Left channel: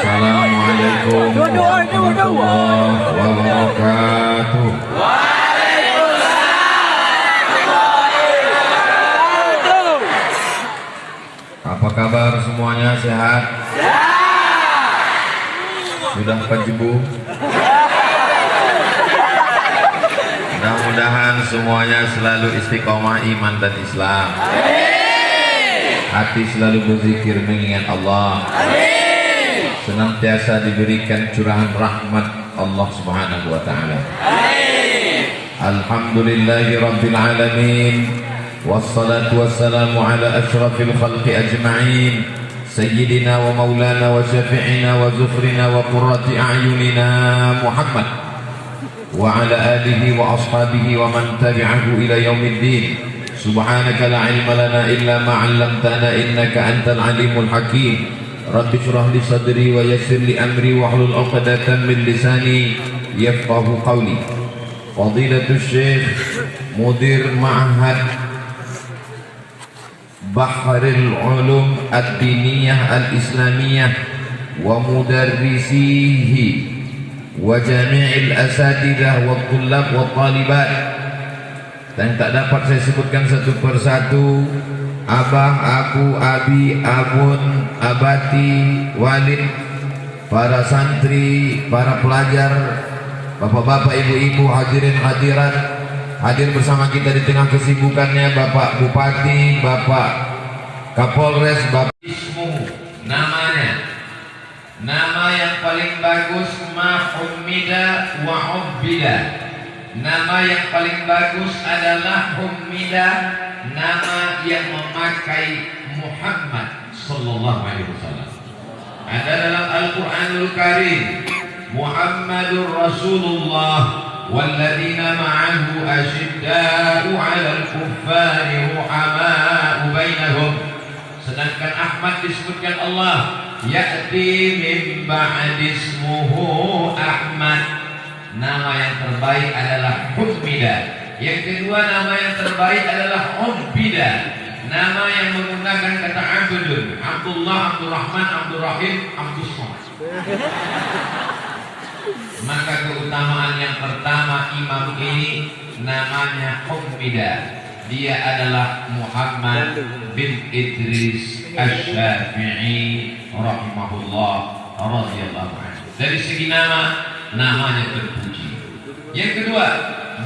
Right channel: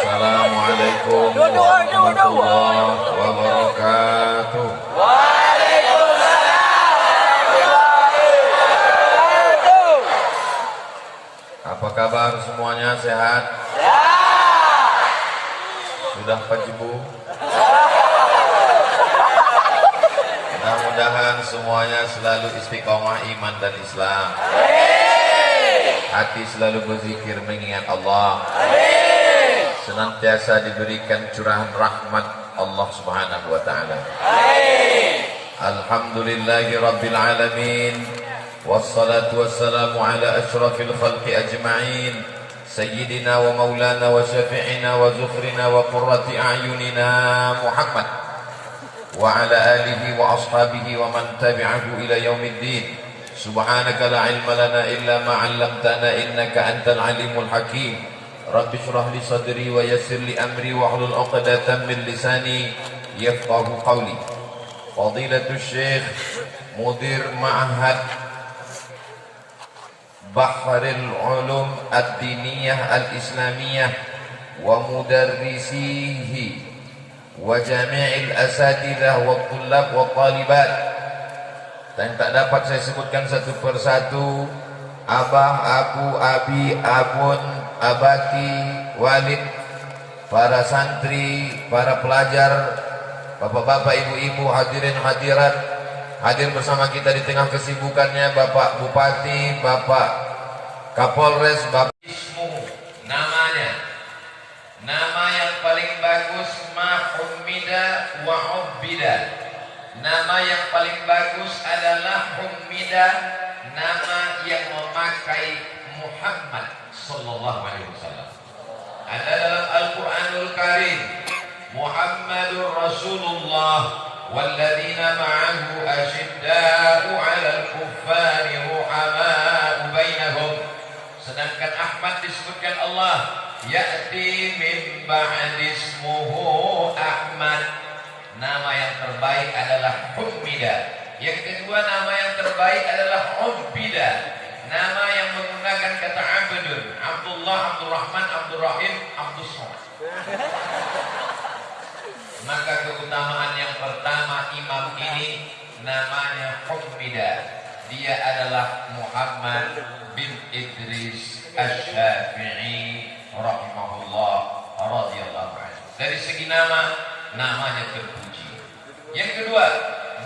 Assalamualaikum warahmatullahi wabarakatuh. Apa kabar semuanya, sehat? Sudah penjebu? Mudah-mudahan semuanya selalu istiqomah iman dan Islam. Hati selalu berzikir mengingat Allah. Senantiasa diberikan curahan rahmat Allah Subhanahu wa taala. Alhamdulillahi rabbil alamin. Wassalatu wassalamu ala asyrafil khalqi ajma'in. Sayyidina wa maulana wa syafi'ina wa zufrina wa qurrati a'yunina Muhammad wa ala alihi wa ashabihi wa man tabi'ahu ila yaumiddin. Subhanaka la ilma lana illa ma 'allamtana innaka antal alimul hakim. Rabbi shrah li sadri wa yassir li amri wa hlul 'uqdatam min lisani yafqahu qawli. Fadilatul Syekh Mudir Ma'had Bahrul Ulum Ad-Diniyah Al-Islamiyah wa mudarrisihi wa jami'il asatidah wa tullab wa talibat, dan tak dapat saya sebutkan satu persatu. Abah, aku, abi, abun, abati, walid, para santri, para pelajar, bapak-bapak, ibu-ibu, hadirin hadirat, hadir bersama kita di tengah kesibukannya Bapak Bupati, Bapak Kapolres, Bapak Ismu, namanya, nama yang paling bagus Mahumida wa Ubbida. Nama yang paling bagus adalah Humida, nama yang memakai Muhammad sallallahu alaihi wasallam. Ada dalam Al-Qur'anul Karim, Muhammadur Rasulullah walladzina ma'ahu asyidda'u 'alal kuffari ruhama'u bainahum. Sedangkan Ahmad disebutkan Allah, ya'ti min ba'di ismuhu Ahmad. Nama yang terbaik adalah Humida. Yang kedua, nama yang terbaik adalah Ubbida. Nama yang menggunakan kata Abdun, Abdullah, Abdurrahman, Abdurrahim, Abdus Somad. Maka keutamaan yang pertama, imam ini namanya Humida. Dia adalah Muhammad bin Idris Asy-Syafi'i rahimahullah radhiyallahu anhu. Dari segi nama, namanya terpuji. Yang kedua,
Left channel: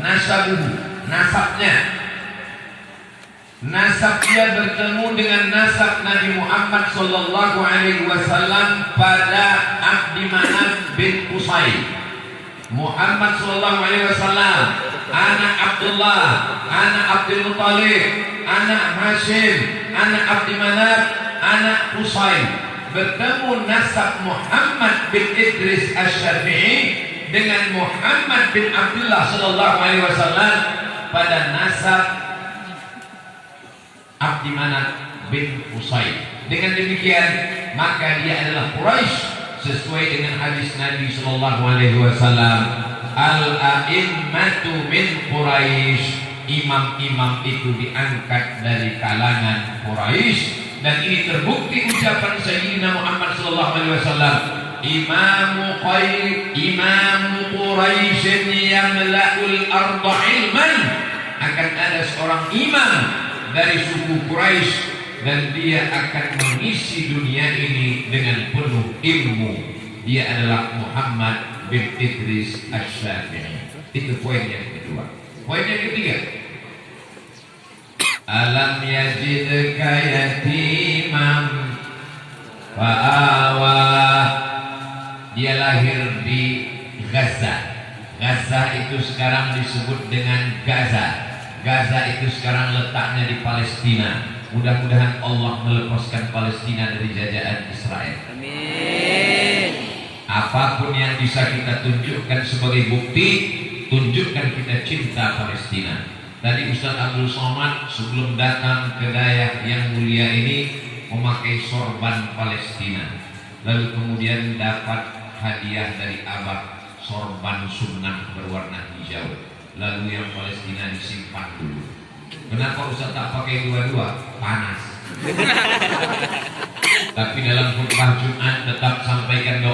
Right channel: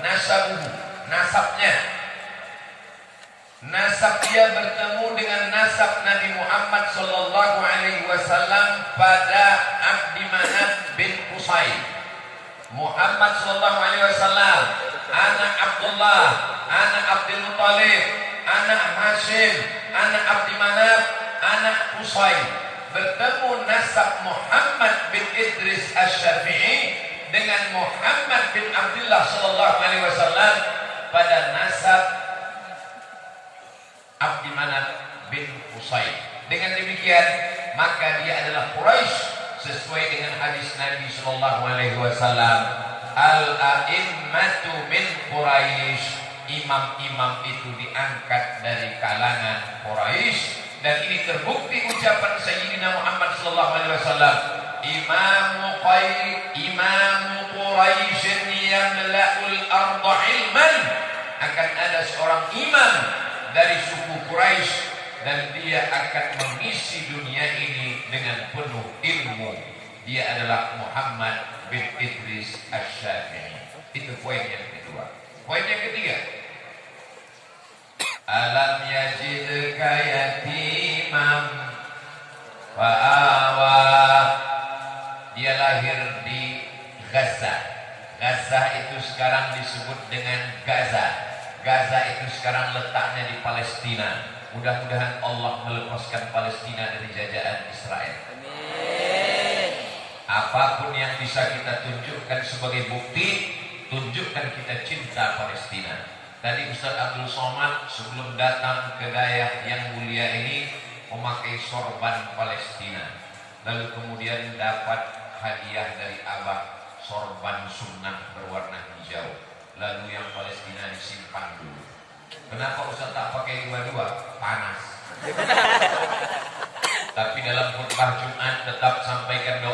nasabuhu, nasabnya. Nasab dia bertemu dengan nasab Nabi Muhammad sallallahu alaihi wasallam pada Abdi Manaf bin Qusay. Muhammad sallallahu alaihi wasallam anak Abdullah, anak Abdul Muthalib, anak Hashim, anak Abdi Manaf, anak Qusay. Bertemu nasab Muhammad bin Idris Asy-Syafi'i dengan Muhammad bin Abdullah sallallahu alaihi wasallam pada nasab Abdi Manaf bin Qusay. Dengan demikian maka dia adalah Quraisy sesuai dengan hadis Nabi sallallahu alaihi wasallam, al-a'immatu min Quraisy. Imam-imam itu diangkat dari kalangan Quraisy. Dan ini terbukti ucapan Sayyidina Muhammad sallallahu alaihi wasallam, Imamu Quraisy yamla'ul arda ilman. Akan ada seorang imam dari suku Quraisy dan dia akan mengisi dunia ini dengan penuh ilmu. Dia adalah Muhammad bin Idris Asy-Syafi'i. Itu poin yang kedua. Poin yang ketiga, alam yajidka yatiman fa'awa. Dia lahir di Gaza. Gaza itu sekarang disebut dengan Gaza. Gaza itu sekarang letaknya di Palestina. Mudah-mudahan Allah melepaskan Palestina dari jajahan Israel. Amin. Apapun yang bisa kita tunjukkan sebagai bukti, tunjukkan kita cinta Palestina. Tadi Ustaz Abdul Somad sebelum datang ke daerah yang mulia ini memakai sorban Palestina. Lalu kemudian dapat hadiah dari Abah sorban sunnah berwarna hijau. Lalu yang Palestina disimpan dulu. Kenapa Ustaz tak pakai dua-dua? Panas. Tapi dalam khutbah Jumat tetap sampaikan doa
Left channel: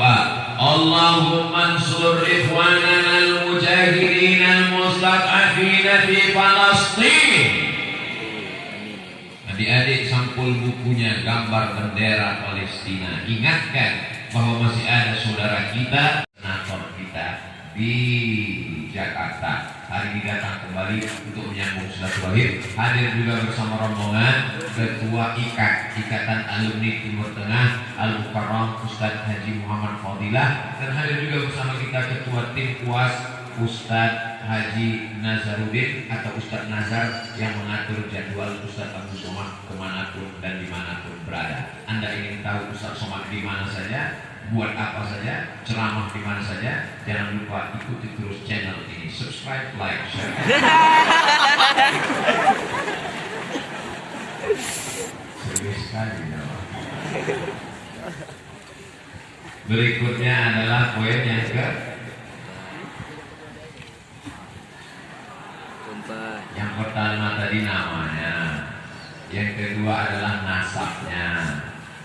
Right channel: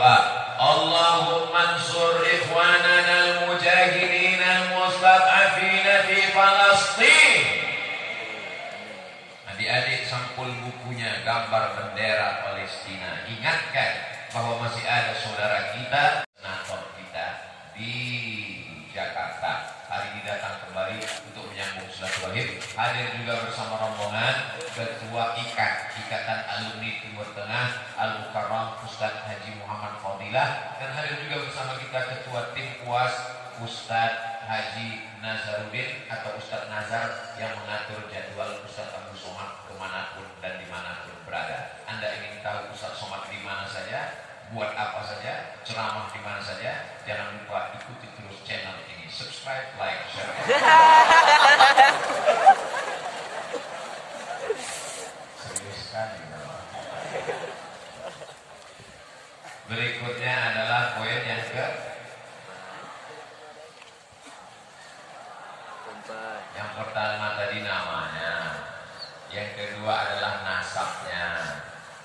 buku-bukunya gambar bendera Palestina. Ingatkan bahwa masih ada saudara kita, senator kita di Jakarta. Hari ini datang kembali untuk menyambung silaturahim. Hadir juga bersama rombongan Ketua Ikatan Alumni Timur Tengah Al-Mukarram Ustadz Haji Muhammad Fadilah, dan hadir juga bersama kita Ketua Tim UAS Ustadz Haji Nazaruddin atau Ustadz Nazar yang mengatur jadwal Ustadz Abu Somad kemanapun dan dimanapun berada. Anda ingin tahu Ustadz Somad di mana saja, buat apa saja, ceramah di mana saja, jangan lupa ikuti terus channel ini. Subscribe, like, share. Serius sekali ya. Berikutnya adalah poin yang yang pertama tadi namanya, yang kedua adalah nasabnya,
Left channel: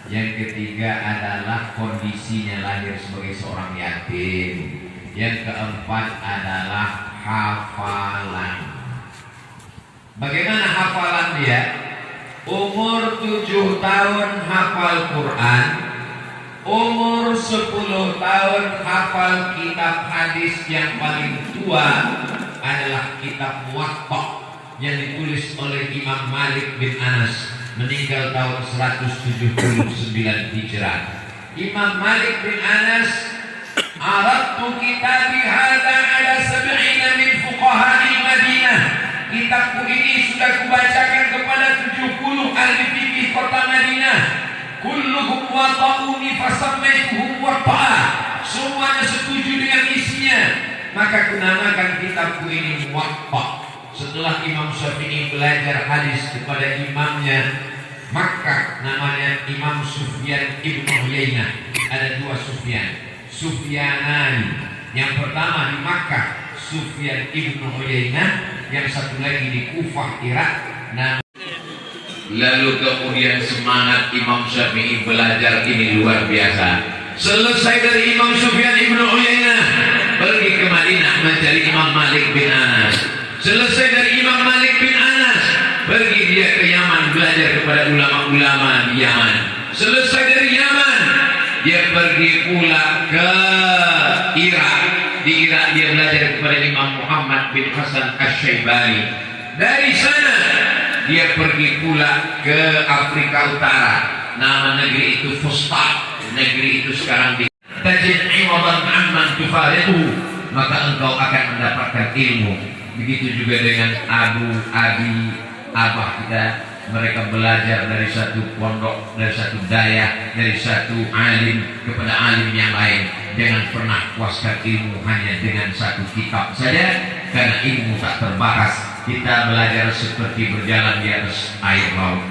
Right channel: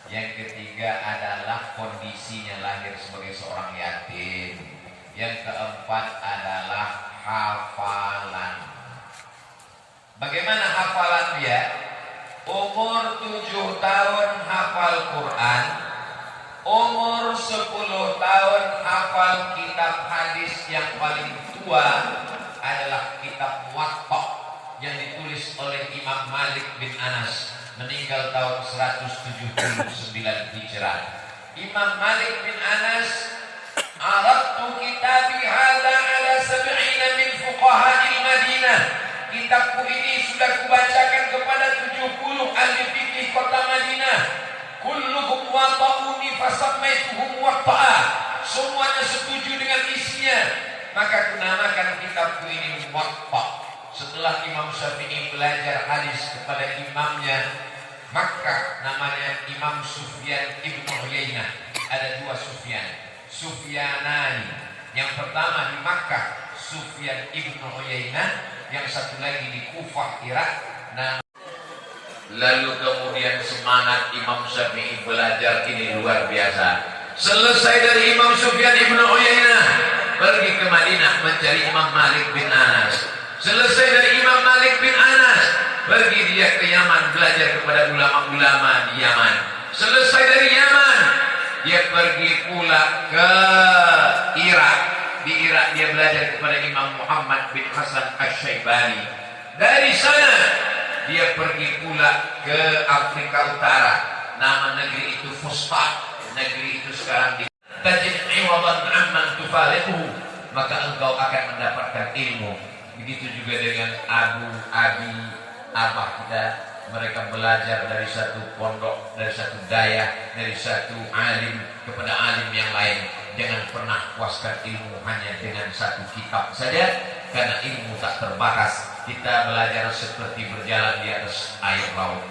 yang ketiga adalah kondisinya lahir sebagai seorang yatim, yang keempat adalah hafalan. Bagaimana hafalan dia? Umur 7 tahun hafal Quran, umur 10 tahun hafal kitab hadis yang paling tua adalah kitab Muwatta yang ditulis oleh Imam Malik bin Anas, meninggal tahun 179 Hijrah. Imam Malik bin Anas, aradtu kitabi hadza ala 70 min fuqaha'il Madinah. Kitabku ini sudah kubacakan kepada 70 ahli fikih kota Madinah. Kulluhum wata'uni fasammaituhum watta'a. Semuanya setuju dengan isinya, maka kunamakan kitabku ini Muwatta. Setelah Imam Syafi'i belajar hadis kepada imamnya Makkah, namanya Imam Sufyan ibn Uyainah. Ada dua Sufyan, Sufyanani. Yang pertama di Makkah, Sufyan ibn Uyainah. Yang satu lagi di Kufah, Irak. Lalu kemudian semangat Imam Syafi'i belajar ini luar biasa. Selesai dari Imam Sufyan ibn Uyainah, pergi ke Madinah mencari Imam Malik bin Anas. Selesai dari Imam Malik bin Anas, pergi dia ke Yaman belajar kepada ulama-ulama di Yaman. Selesai dari Yaman, dia pergi pula ke Irak. Di Irak dia belajar kepada Imam Muhammad bin Hasan Asy-Syaibani. Dari sana dia pergi pula ke Afrika Utara. Nama negeri itu Fustat. Negeri itu sekarang di tajid iwadan amman tufariquhu, maka engkau akan mendapatkan ilmu. Begitu juga dengan abah kita, mereka belajar dari satu pondok, dari satu daya, dari satu alim kepada alim yang lain. Jangan pernah puaskan ilmu hanya dengan satu kitab saja, karena ilmu tak terbatas. Kita belajar seperti berjalan di atas air laut.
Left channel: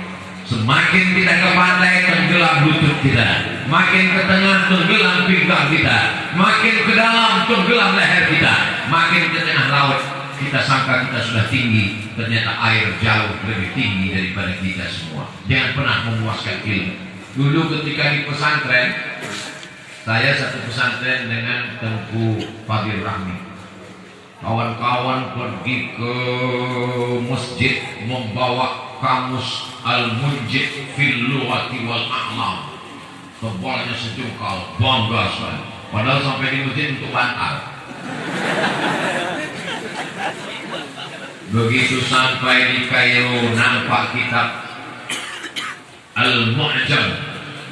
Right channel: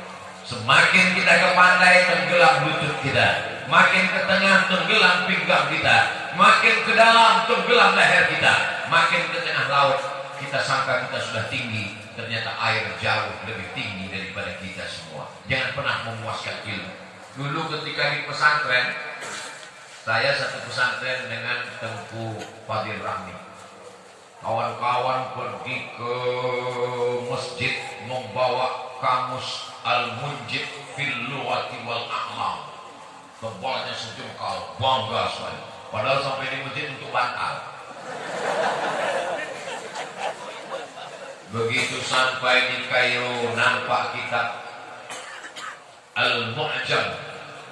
Semakin kita ke pantai, tenggelam lutut kita. Makin ke tengah, tenggelam pinggang kita. Makin ke dalam, tenggelam leher kita. Makin ke tengah laut, kita sangka kita sudah tinggi, ternyata air jauh lebih tinggi daripada kita semua. Jangan pernah memuaskan ilmu. Dulu ketika di pesantren, saya satu pesantren dengan Tengku Fadil Rahmi. Kawan-kawan pergi ke masjid membawa kamus Al-Munjid fil Lughati wal A'lam. Tebalnya sejengkal, bangga sekali. Padahal sampai di masjid untuk bantal. Begitu sampai di Kairo, nampak kitab Al-Mu'jam,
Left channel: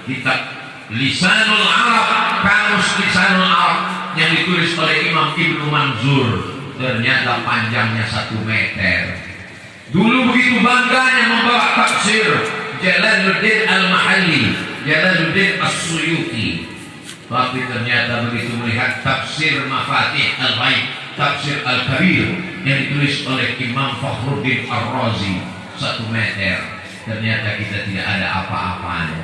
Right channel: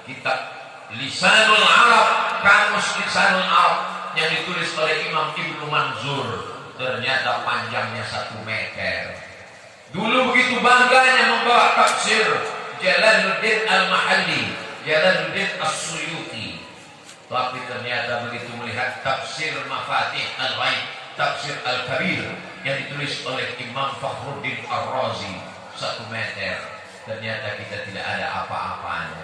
kitab Lisanul Arab, kamus Lisanul Arab yang ditulis oleh Imam Ibnu Manzur. Ternyata panjangnya 1 meter. Dulu begitu bangganya membawa tafsir Jalaluddin Al-Mahalli, Jalaluddin As-Suyuti. Tapi ternyata begitu melihat tafsir Mafatih Al-Ghaib, tafsir Al-Kabir yang ditulis oleh Imam Fakhruddin Ar-Razi, 1 meter. Ternyata kita tidak ada apa-apanya.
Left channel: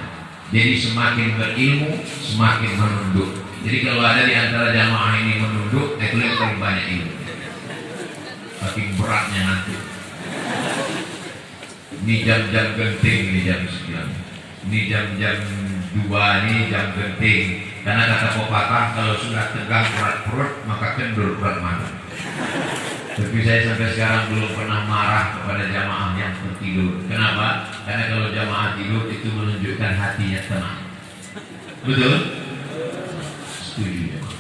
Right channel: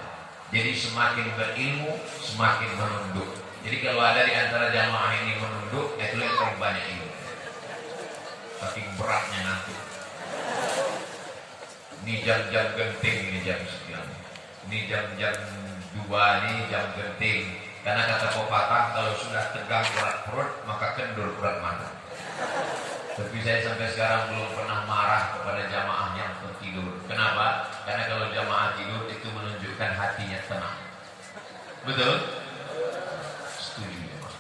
Jadi semakin berilmu, semakin menunduk. Jadi kalau ada di antara jamaah ini menunduk, itu yang paling banyak ilmu. Saking beratnya nanti. Ini jam-jam genting, ini jam 9. Ini jam-jam 2, ini jam genting. Karena kata pepatah, kalau sudah tegang berat perut, maka kendur berat mata. Tapi saya sampai sekarang belum pernah marah kepada jamaah yang tertidur. Kenapa? Karena kalau jamaah tidur itu menunjukkan hatinya tenang. Betul? Setuju jemaah.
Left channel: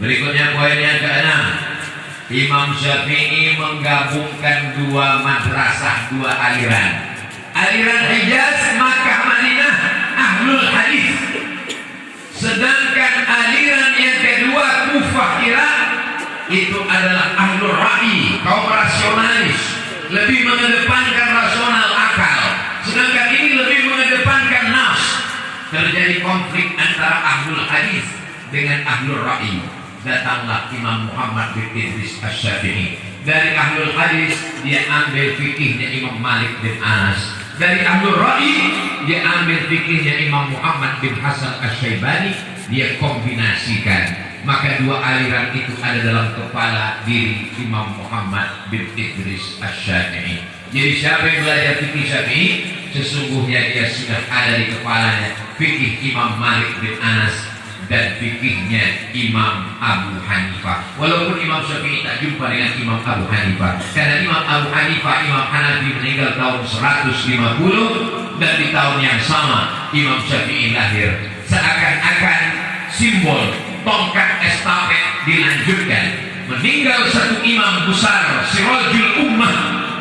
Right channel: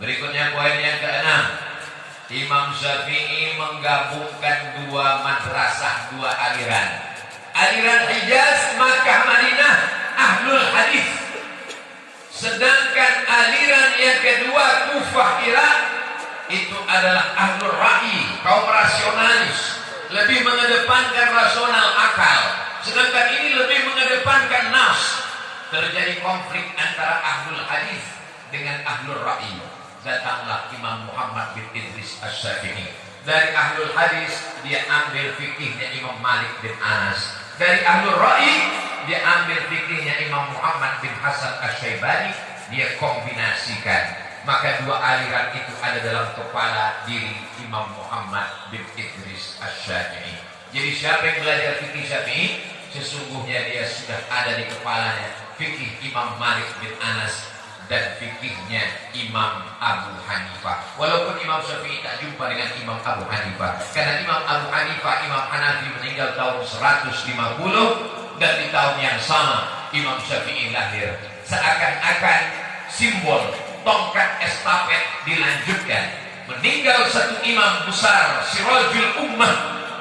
Berikutnya poin yang ke-6. Imam Syafi'i menggabungkan dua madrasah, dua aliran. Aliran Hijaz, Makkah, Madinah, Ahlul Hadis. Sedangkan aliran yang kedua, Kufah, Irak, itu adalah Ahlul Ra'i, kaum rasionalis, lebih mengedepankan rasional akal. Sedangkan ini lebih mengedepankan nafs. Terjadi konflik antara Ahlul Hadis dengan Ahlul Ra'i. Datanglah Imam Muhammad bin Idris Asy-Syafi'i. Dari Ahlul Hadis dia ambil fikihnya Imam Malik bin Anas. Dari Ahlul Ra'i dia ambil fikihnya Imam Muhammad bin Hasan Asy-Syaibani. Dia kombinasikan. Maka dua aliran itu ada dalam kepala diri Imam Muhammad bin Idris Asy-Syafi'i. Jadi siapa yang belajar fikih Syafi'i, sesungguhnya dia sudah ada di kepalanya fikih Imam Malik bin Anas dan fikihnya Imam Abu Hanifah. Walaupun Imam Syafi'i tak jumpa dengan Imam Abu Hanifah, karena Imam Abu Hanifah, Imam Hanafi meninggal tahun 150, dan di tahun yang sama Imam Syafi'i lahir. Seakan-akan simbol tongkat estafet dilanjutkan. Meninggal satu imam besar, Sirajul Ummah,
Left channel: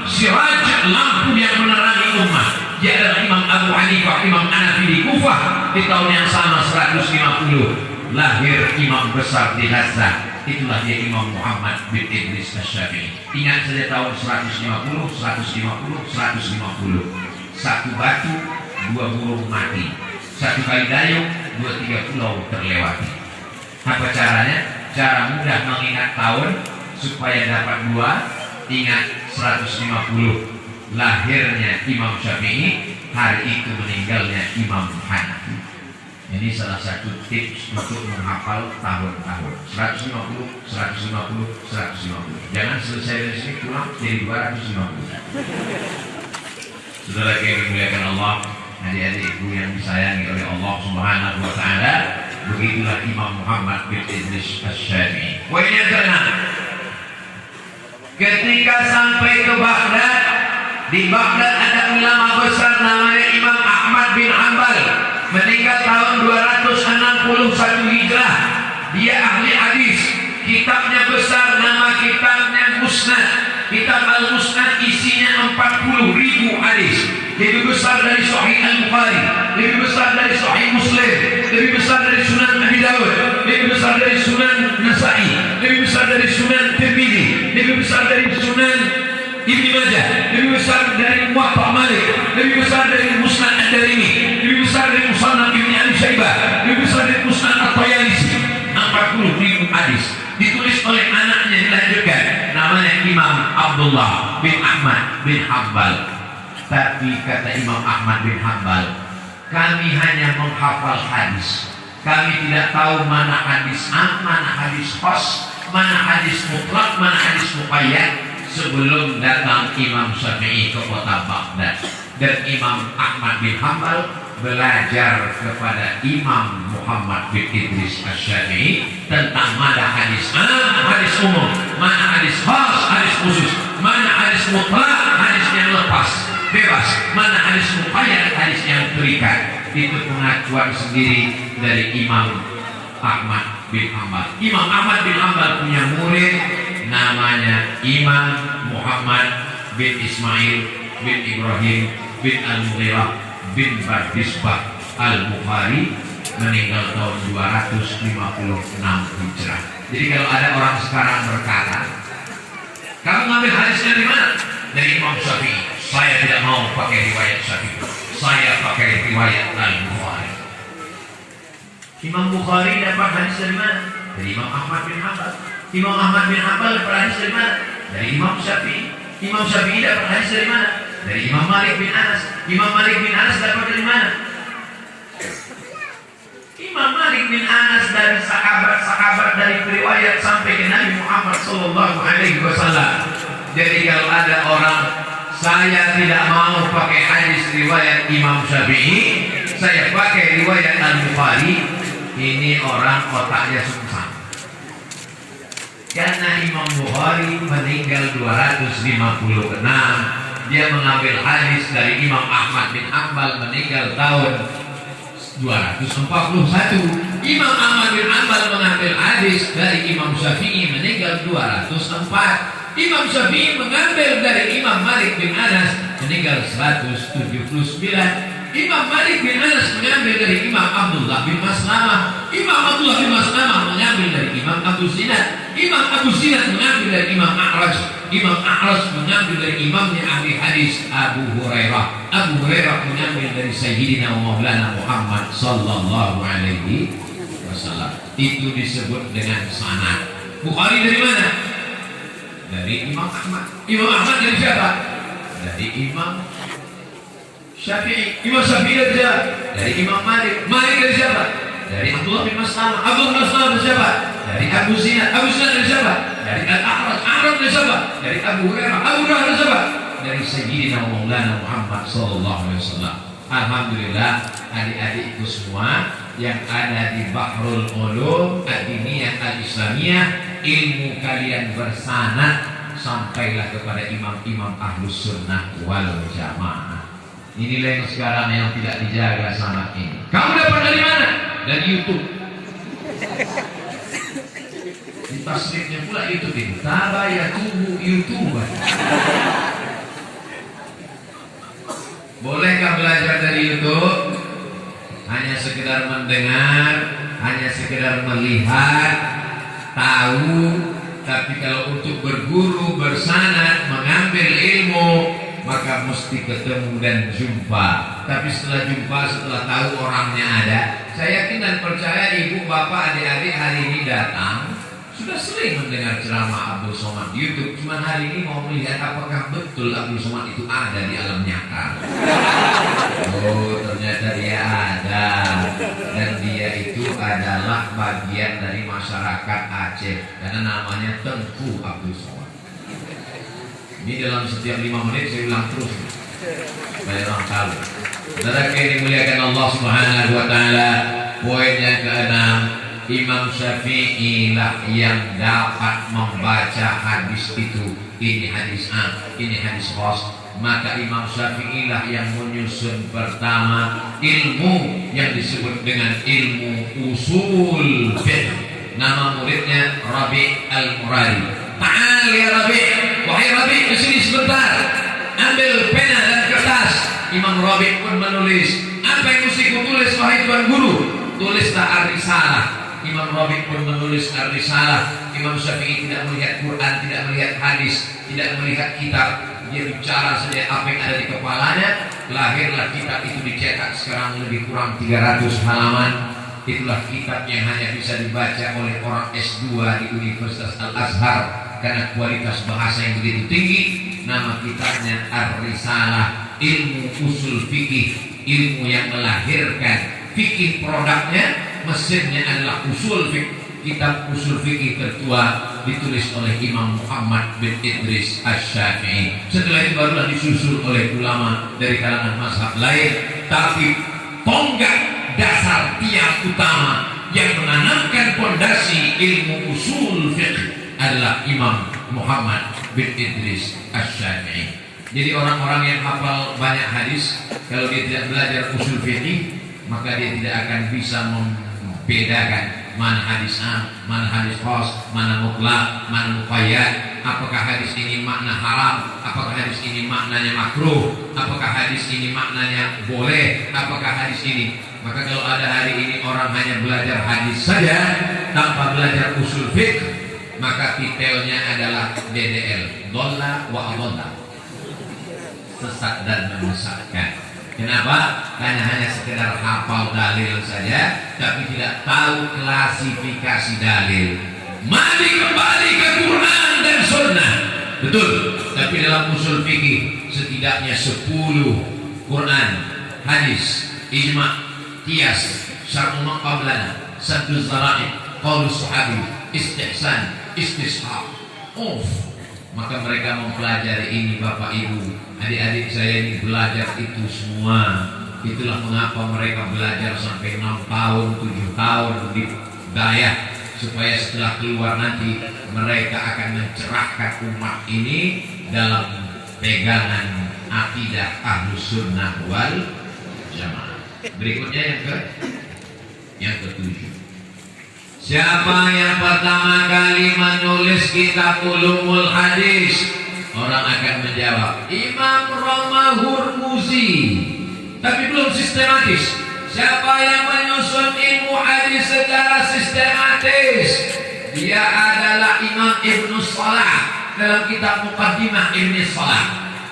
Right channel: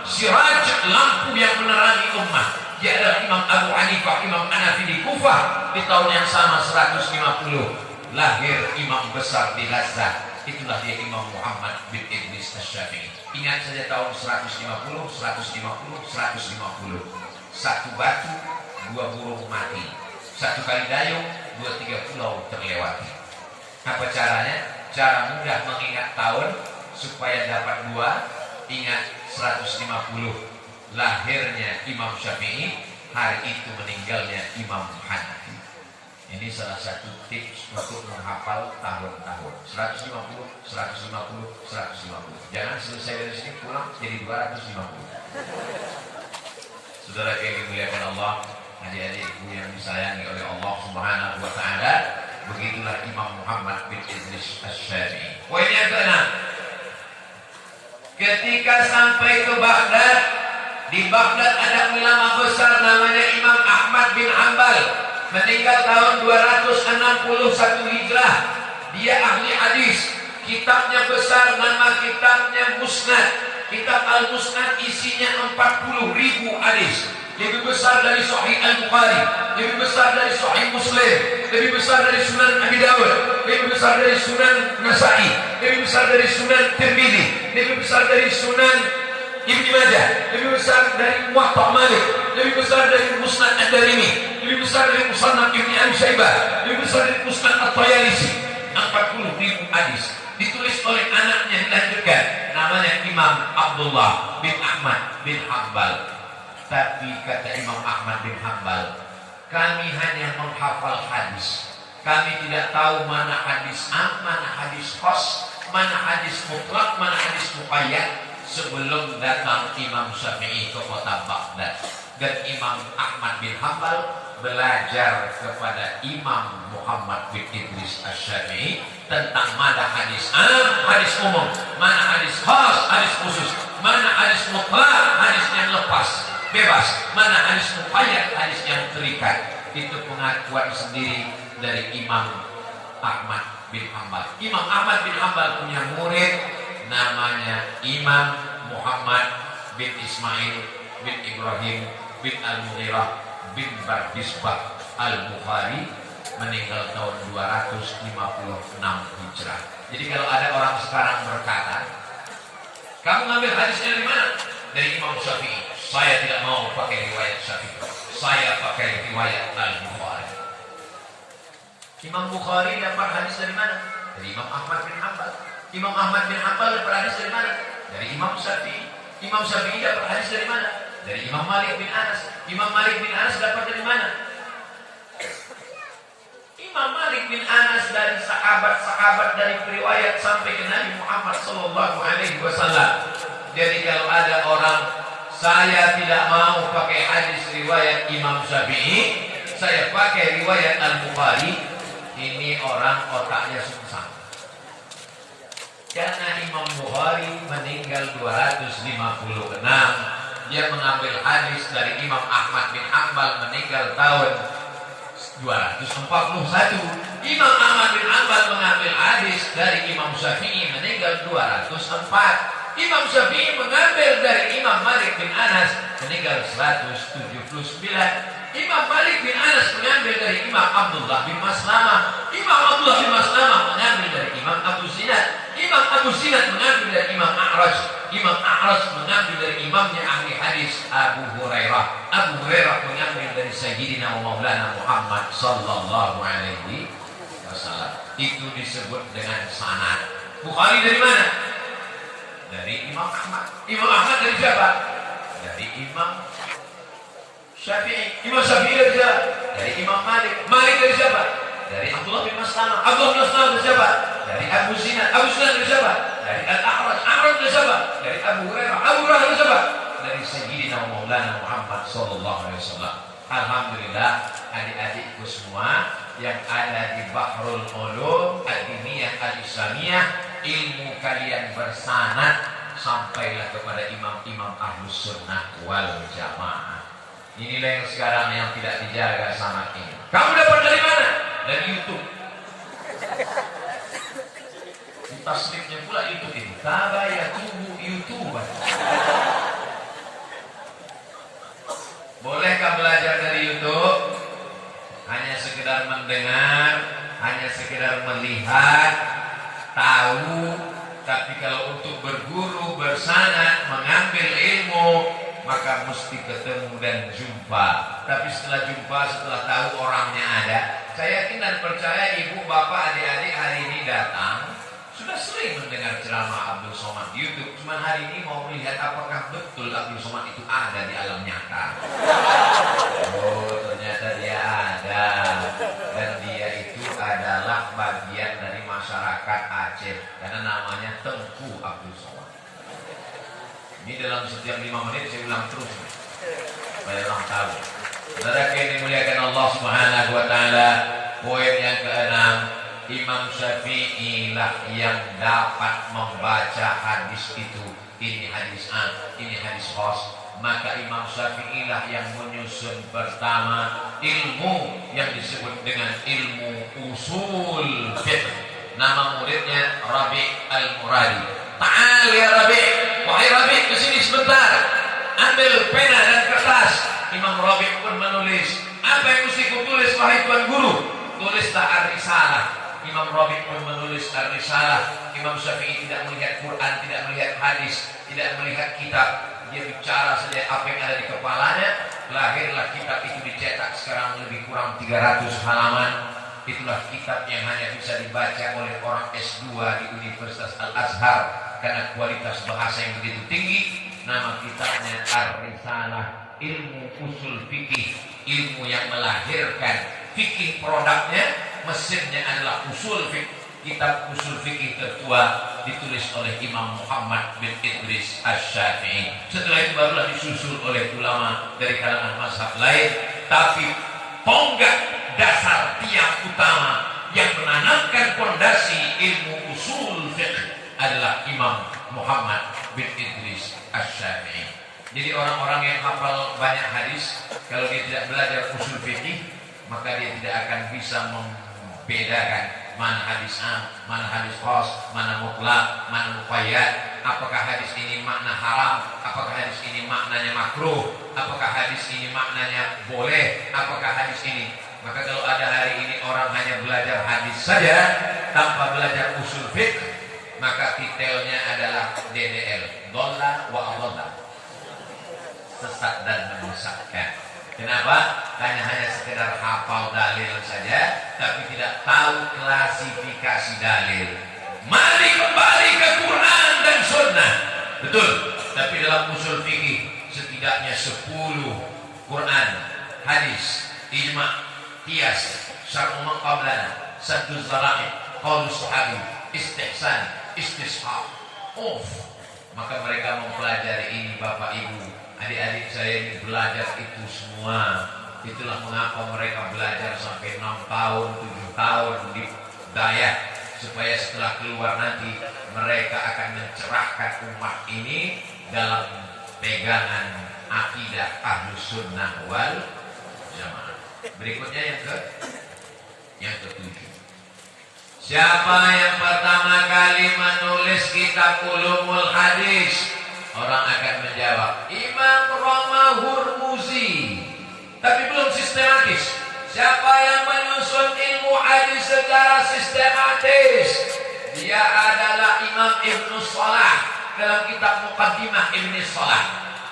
siraj lampu yang menerangi ummah. Dia adalah Imam Abu Hanifah, Imam Hanafi di Kufah. Di tahun yang sama 150 lahir imam besar di Gaza. Itulah dia Imam Muhammad bin Idris Asy-Syafi'i. Ingat saja tahun 150. Satu batu, dua burung mati. Satu kali dayung, 2-3 pulau terlewati. Apa caranya? Cara mudah mengingat tahun supaya dapat dua. Ingat 150 lahirnya Imam Syafi'i, hari itu meninggalnya Imam Hanafi. Ini salah satu tips untuk menghafal tahun-tahun. 150. Jangan selesai dari sini pulang jadi 250. Saudara yang dimuliakan Allah, adik-adik ibu yang disayangi oleh Allah Subhanahu wa taala, begitulah Imam Muhammad bin Idris Asy-Syafi'i. Poin yang ke-6. Ketika sampai ke Baghdad, di Baghdad ada ulama besar namanya Imam Ahmad bin Hanbal, meninggal tahun 261 Hijrah. Dia ahli hadis. Kitabnya besar, nama kitabnya Musnad. Kitab Al-Musnad isinya 40.000 hadis. Lebih besar dari Sahih Al-Bukhari, lebih besar dari Sahih Muslim, lebih besar dari Sunan Abi Dawud, lebih besar dari Sunan Nasa'i, lebih besar dari Sunan Tirmidzi, lebih besar dari Sunan Ibnu Majah, lebih besar dari Muwatta Malik, lebih besar dari Musnad Ad-Darimi, lebih besar dari Musannaf Ibnu Abi Syaibah, lebih besar dari Musnad At-Tayalisi. 40.000 hadis ditulis oleh anaknya, dilanjutkan namanya Imam Abdullah bin Ahmad bin Hanbal. Tapi kata Imam Ahmad bin Hanbal, kami hanya menghafal hadis. Kami tidak tahu mana hadis am, mana hadis khas, mana hadis mutlak, mana hadis muqayyad sebelum datang Imam Syafi'i ke kota Baghdad. Dan Imam Ahmad bin Hanbal belajar kepada Imam Muhammad bin Idris Asy-Syafi'i tentang mana hadis am, hadis umum, mana hadis khas, hadis khusus, mana hadis mutlak, hadis yang lepas, bebas, mana hadis muqayyad, hadis yang terikat. Itu pengakuan sendiri dari Imam Ahmad bin Hanbal. Imam Ahmad bin Hanbal punya murid namanya Imam Muhammad bin Ismail bin Ibrahim bin Al-Mughirah bin Bardisbah Al-Bukhari, meninggal tahun 256 Hijrah. Jadi kalau ada orang sekarang berkata, kamu ngambil hadisnya dari mana? Dari Imam Syafi'i. Saya tidak mau pakai riwayat Syafi'i, saya pakai riwayat Al-Bukhari. Imam Bukhari dapat hadis dari mana? Dari Imam Ahmad bin Hanbal. Imam Ahmad bin Hanbal dapat hadis dari mana? Dari Imam Syafi'i. Imam Syafi'i dapat hadis dari mana? Dari Imam Malik bin Anas. Imam Malik bin Anas dapat dari mana? Imam Malik bin Anas dari sahabat-sahabat, dari riwayat sampai ke Nabi Muhammad sallallahu alaihi wasallam. Jadi kalau ada orang, saya tidak mau pakai hadis riwayat Imam Syafi'i, saya pakai riwayat Al-Bukhari, ini orang otaknya sungsang. Karena Imam Bukhari meninggal 256, dia mengambil hadis dari Imam Ahmad bin Hanbal meninggal tahun 241. Imam Ahmad bin Hanbal mengambil hadis dari Imam Syafi'i meninggal 204. Imam Syafi'i mengambil dari Imam Malik bin Anas meninggal 179. Imam Malik bin Anas mengambil dari Imam Abdullah bin Maslamah. Imam Abdullah bin Maslamah mengambil dari Imam Abu Zinad. Imam Abu Zinad mengambil dari Imam A'raj. Imam A'raj mengambil dari imamnya ahli hadis Abu Hurairah. Abu Hurairah mengambil dari Sayyidina wa Maulana Muhammad sallallahu alaihi wasallam. Itu disebut dengan sanad. Bukhari dari mana? Dari Imam Ahmad. Imam Ahmad dari siapa? Dari Imam Syafi'i. Imam Syafi'i dari siapa? Dari Imam Malik. Malik dari siapa? Dari Abdullah bin Maslamah. Abdullah bin Maslamah dari siapa? Dari Abu Zinad. Abu Zinad dari siapa? Dari Al-A'raj. A'raj dari siapa? Dari Abu Hurairah. Abu Hurairah dari siapa? Dari Sayyidina wa Maulana Muhammad sallallahu alaihi wasallam. Alhamdulillah, adik-adikku semua yang ada di Bahrul Ulum Ad-Diniyah Al-Islamiyah, ilmu kalian bersanad sampailah kepada imam-imam Ahlus Sunnah wal Jamaah. Inilah yang sekarang yang tidak dijaga sanad ini. Kamu dapat dari mana? Dari YouTube. Tasnifnya pula itu ya tubuh YouTube. Bolehkah belajar dari YouTube? Hanya sekedar mendengar, hanya sekedar melihat, tahu. Tapi kalau untuk berguru, bersanad, mengambil ilmu, maka mesti ketemu dan jumpa. Tapi setelah jumpa, setelah tahu orangnya ada, saya yakin dan percaya ibu, bapak, adik-adik hari ini datang sudah sering mendengar ceramah Abdul Somad di YouTube. Cuma hari ini mau melihat apakah betul Abdul Somad itu ada di alam nyata. Oh, ternyata dia ada. Dan dia itu adalah bagian dari masyarakat Aceh. Karena namanya Tengku Abdul Somad. Ini dalam setiap 5 menit saya ulang terus, supaya orang tahu. Saudara yang dimuliakan Allah Subhanahu wa taala, poin yang keenam, Imam Syafi'i lah yang dapat membaca hadis itu. Ini hadis A, ini hadis khas. Maka Imam Syafi'i lah yang menyusun pertama ilmu yang disebut dengan ilmu usul fiqh. Nama muridnya Rabi' Al-Muradi. Ta'al ya Rabi'. Wahai Rabi', kesini sebentar. Ambil pena dan kertas. Imam Rabi' pun menulis. Apa yang mesti kutulis wahai Tuan Guru? Tulislah Ar-Risalah. Imam Rabi' pun menulis Ar-Risalah. Imam Syafi'i tidak melihat Quran, tidak melihat hadis, tidak melihat kitab. Dia bicara saja apa yang ada di kepalanya. Lahirlah kitab itu, dicetak sekarang lebih kurang 300 halaman. Itulah kitab yang hanya bisa dibaca oleh orang S2 di Universitas Al-Azhar karena kualitas bahasa yang begitu tinggi. Nama kitabnya Ar-Risalah, ilmu usul fikih, ilmu yang melahirkan fikih. Produknya, mesinnya adalah usul fikih. Kitab usul fikih tertua ditulis oleh Imam Muhammad bin Idris Asy-Syafi'i. Setelah itu barulah disusul oleh ulama dari kalangan mazhab lain. Tapi tonggak dasar tiang utama yang menanamkan fondasi ilmu usul fiqh adalah Imam Muhammad bin Idris Asy-Syafi'i. Jadi orang-orang yang hafal banyak hadis, kalau dia tidak belajar usul fiqh, maka dia tidak akan bisa membedakan mana hadis A, mana hadis khas, mana mutlak, mana muqayyad. Apakah hadis ini makna haram, apakah hadis ini maknanya makruh, apakah hadis ini maknanya boleh, apakah hadis ini. Maka kalau ada hari ini orang hanya belajar hadis saja tanpa belajar usul fiqh, maka titelnya adalah DDL, dolla wa adalla, sesat dan menyesatkan. Kenapa? Karena hanya sekedar hafal dalil saja, tapi tidak tahu klasifikasi dalil. Mari kembali ke Quran dan Sunnah. Betul. Tapi dalam usul fikih setidaknya 10 Quran, hadis, ijma', qiyas, syar'u man qablana, sadduz zara'i, qaulus sahabi, istihsan, istishab. Maka mereka mempelajari ini, Bapak Ibu, adik-adik saya ini belajar itu semua. Itulah mengapa mereka belajar sampai 6 tahun, 7 tahun di Dayah, supaya setelah keluar nanti mereka akan mencerahkan umat ini dalam pegangan akidah Ahlus Sunnah wal Jamaah. Berikutnya yang ketujuh. Siapa yang pertama kali menulis kitab Ulumul Hadis? Orang akan menjawab Imam Roma Hurmuzi. Tapi belum sistematis. Siapa yang menyusun ilmu hadis secara sistematis? Dia adalah Imam Ibnu Salah dalam kitab Muqaddimah Ibnu Salah.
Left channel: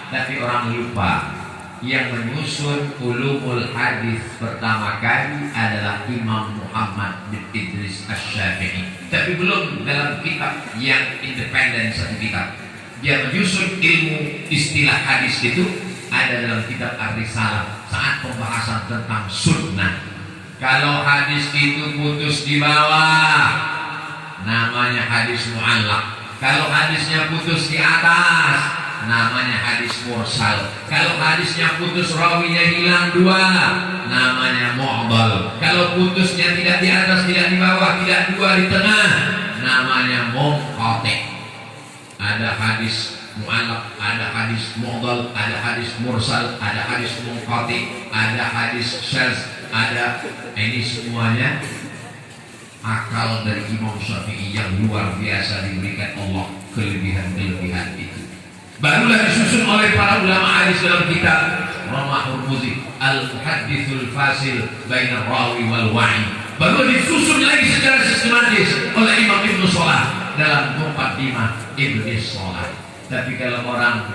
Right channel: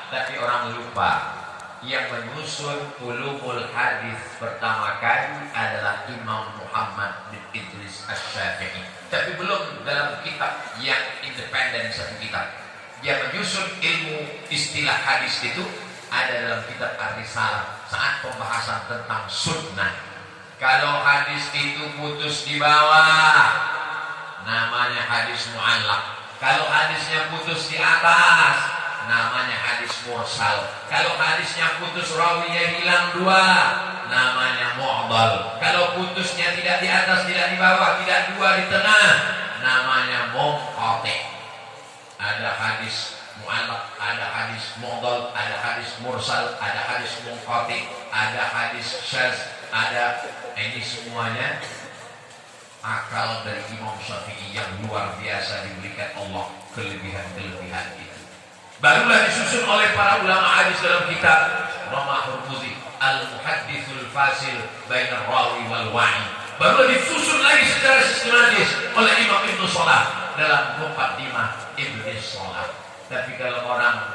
Tapi orang lupa, yang menyusun Ulumul Hadis pertama kali adalah Imam Muhammad bin Idris Asy-Syafi'i. Tapi belum dalam kitab yang independen satu kitab. Dia menyusun ilmu istilah hadis itu ada dalam kitab Ar-Risalah saat pembahasan tentang sunnah. Kalau hadis itu putus di bawah, namanya hadis mu'allaq. Kalau hadisnya putus di atas, namanya hadis mursal. Kalau hadisnya putus rawinya hilang dua, namanya mu'dal. Kalau putusnya tidak di atas, tidak di bawah, tidak dua di tengah, namanya munqati'. Ada hadis mu'allaq, ada hadis mu'dal, ada hadis mursal, ada hadis munqati', ada hadis syadz, ada ini semuanya akal dari Imam Syafi'i yang luar biasa diberikan Allah, kelebihan-kelebihan itu. Barulah disusun oleh para ulama hadis dalam kitab Roma Hurmuzi Al-Muhaddithul Fasil Bainar Rawi wal Wa'i. Barulah disusun lagi secara sistematis oleh Imam Ibnu Salah dalam Muqaddimah Ibnu Salah. Tapi kalau orang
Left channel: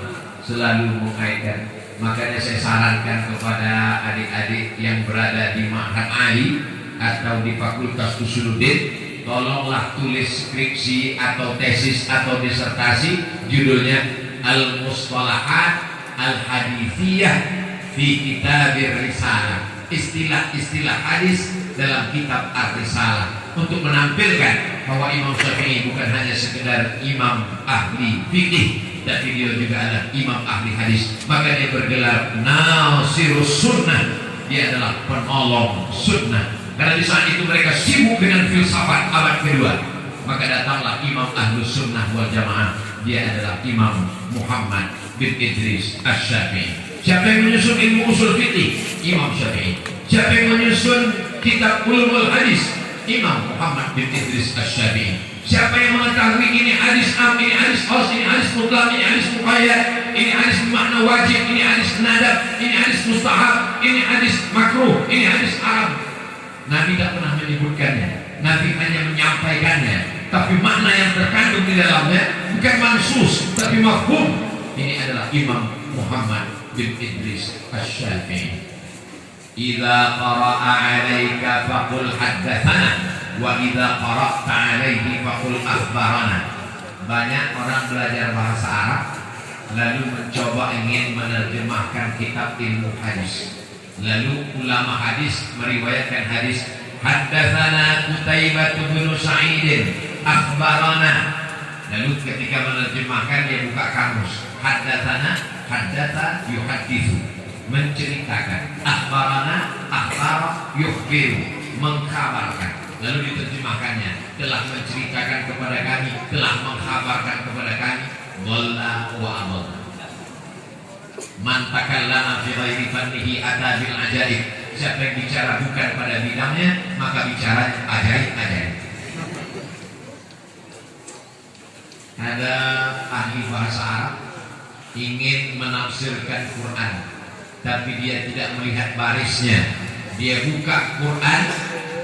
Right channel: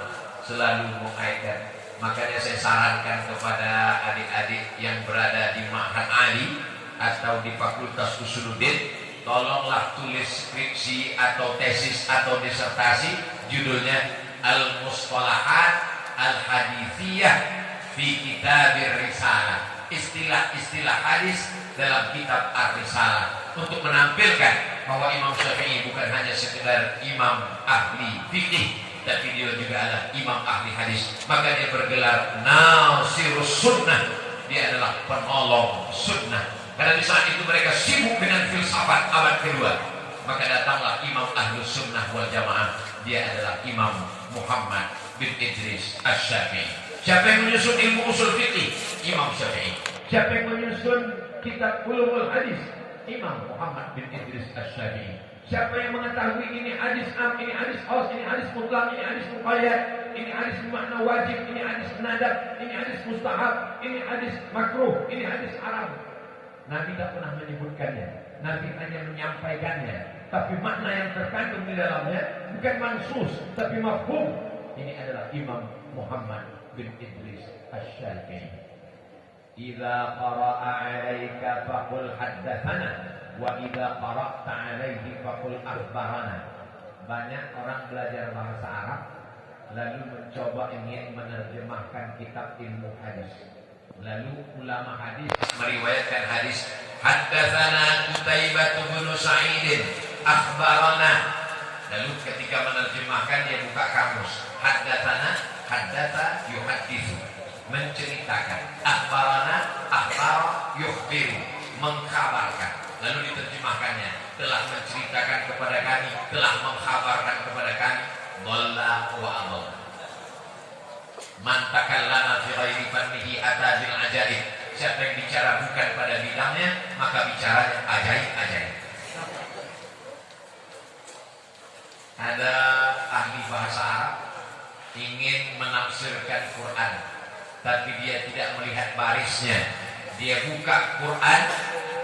selalu mengaitkan, makanya saya sarankan kepada adik-adik yang berada di Ma'had Ali atau di Fakultas Usuluddin, tolonglah tulis skripsi atau tesis atau disertasi judulnya Al-Mustalahat Al-Hadithiyah fi Kitabir Risalah. Istilah-istilah hadis dalam kitab Ar-Risalah, untuk menampilkan bahwa Imam Syafi'i bukan hanya sekedar imam ahli fikih, tapi dia juga adalah imam ahli hadis. Maka dia bergelar Nasirus Sunnah. Dia adalah penolong sunnah. Karena di saat itu mereka sibuk dengan filsafat abad kedua. Maka datanglah Imam Ahlus Sunnah wal Jamaah. Dia adalah Imam Muhammad bin Idris Asy-Syafi'i. Siapa yang menyusun ilmu usul fikih? Imam Syafi'i. Siapa yang menyusun kitab Ulumul Hadis? Imam Muhammad bin Idris Asy-Syafi'i. Siapa yang mengetahui ini hadis am, ini hadis khas, ini hadis mutlaq, ini hadis muqayyad, ini hadis bermakna wajib, ini hadis nadab, ini hadis mustahab, ini hadis makruh, ini hadis haram. Nabi tidak pernah menyebutkannya, Nabi hanya menyampaikannya. Tapi makna yang terkandung di dalamnya bukan mansus, tapi mafhum. Ini adalah Imam Muhammad bin Idris Asy-Syafi'i. Idza qara'a 'alaika faqul haddatsana wa idza qara'ta 'alaihi faqul akhbarana. Banyak orang belajar bahasa Arab lalu mencoba ingin menerjemahkan kitab ilmu hadis. Lalu ulama hadis meriwayatkan hadis haddatsana Qutaibah bin Sa'id akhbarana. Lalu ketika menerjemahkan dia buka kamus. Haddatsana, haddatsa yuhadditsu, menceritakan. Akhbarana, akhbara yukhbiru, mengkabarkan. Lalu diterjemahkannya, telah menceritakan kepada kami, telah mengkhabarkan kepada kami. Dhalla wa adalla. Man takallama fi ghairi fannihi ata bil ajaib. Siapa yang bicara bukan pada bidangnya, maka bicaranya ajaib-ajaib. Ada ahli bahasa Arab ingin menafsirkan Quran, tapi dia tidak melihat barisnya. Dia buka Quran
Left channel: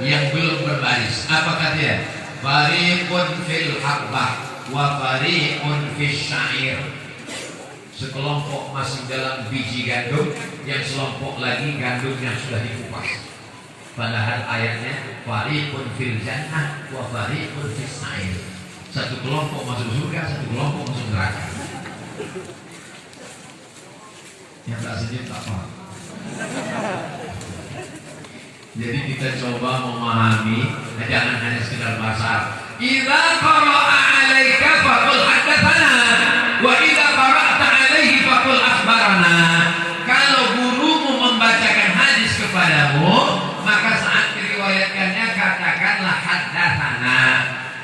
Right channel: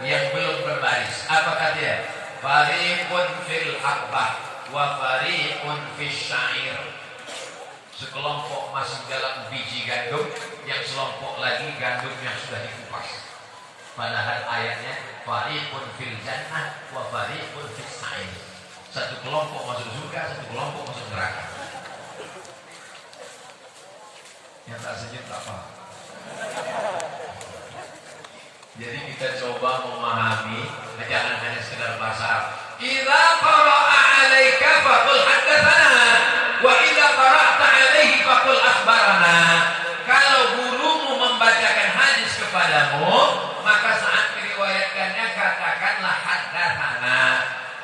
yang belum berbaris. Apa katanya? Fariqun fil habbah wa fariqun fis syair. Sekelompok masih dalam biji gandum, yang sekelompok lagi gandumnya sudah dikupas. Padahal ayatnya fariqun fil jannah wa fariqun fis sa'ir. Satu kelompok masuk surga, satu kelompok masuk neraka. Yang tak sejuk tak paham. Jadi kita coba memahami, jangan hanya sekedar bahasa Arab. Idza qara'a 'alaika faqul haddatsana wa idza qara'ta 'alaihi faqul akhbarana. Kalau gurumu membacakan hadis kepadamu, maka saat diriwayatkannya katakanlah haddatsana.